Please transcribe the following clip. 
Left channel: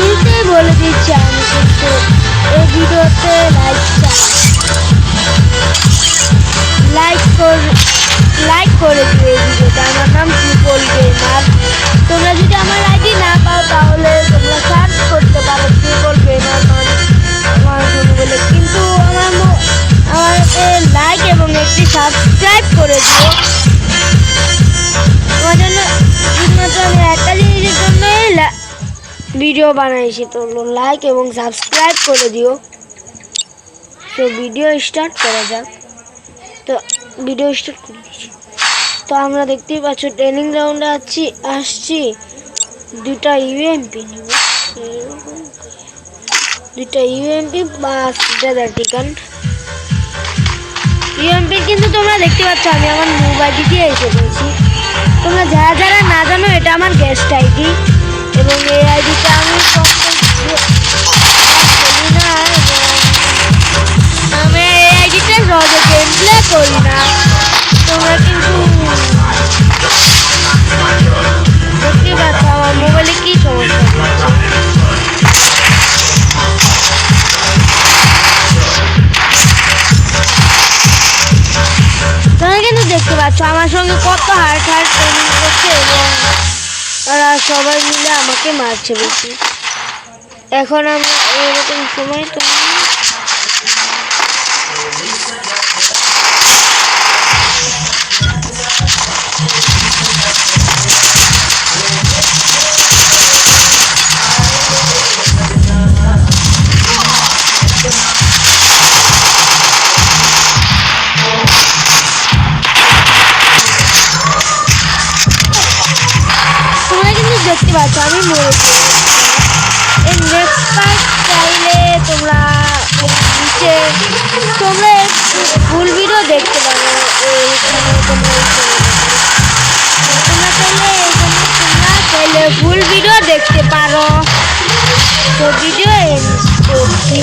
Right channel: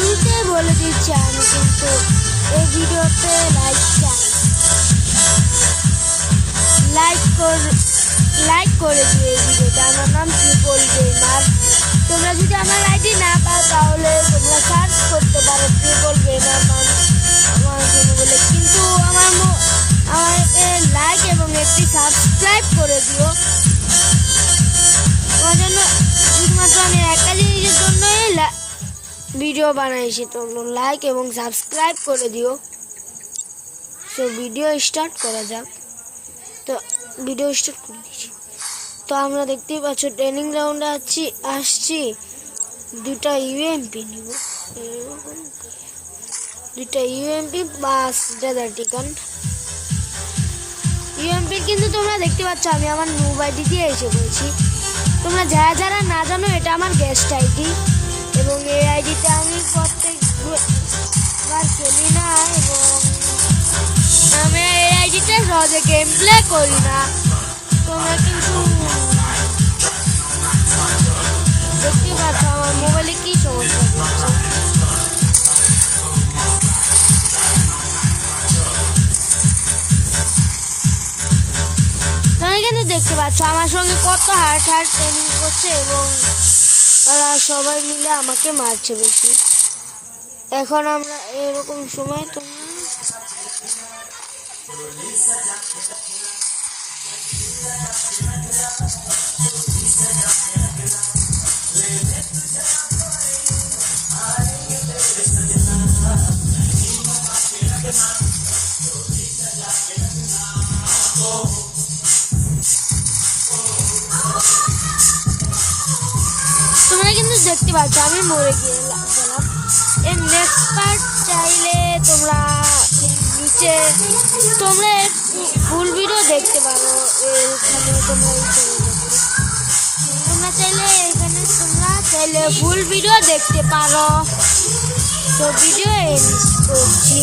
শুরুতেই বলে দিচ্ছি আমি কিন্তু এই ভিডিওতে লাইক করে দিও এই ভিডিওটা। আমার নাম ট্রিপল গেমার। তোমরা যদি আমার আইডি না পাও তাহলে তোমরা সার্চ করতে পারো ট্রিপল গেমার বলে, কিন্তু আমাকে লাইক এবং একটি সাবস্ক্রাইব করে দিও। আমার জন্য শুধুমাত্র আমি একটা জিনিসের জন্য ভিডিও বানাইছি, তো লাইক এবং সাবস্ক্রাইব করে দিও। তো ভিডিও স্টার্ট করা যাক। তো ভিডিও স্টার্ট করে দিচ্ছি। তো আমরা দেখতেই পাচ্ছ ট্রেনিং রাউন্ডে আসছি। দুটা ইউএমপি নিব, দুটা ইউএমপি প্লাস টিকান ইউএমপি। কিন্তু তোমরা দেখতে পাচ্ছ আমি আমার মোবাইল দিয়ে এসে পড়েছি। তোমরা যারা যারা না জানো, এটা আমার গেস্ট আইডি এবং এই আইডিটা আমি আমি এই আইডিটা সহজে গেম প্লে করি না। তোমরা কিন্তু দেখতে পাচ্ছ আমার মোবাইলে কি সমস্যা। তোমরা কিন্তু দেখতে পাচ্ছ আমার সঙ্গে কত হার্ট ট্রেনিং করছে এবং ওরা সবাই মিলে আমাকে মারছে বেশি। এখন আমরা এরকম সময় দেখতে পাচ্ছ আমি মরেছি। এই নেক্সট পার্ট চাইলে তোমরা ফুল ভিডিও দেখতে পারো। তোমরা চাইলে ফুল ভিডিও দেখতে পারো। তো ভিডিও করছি।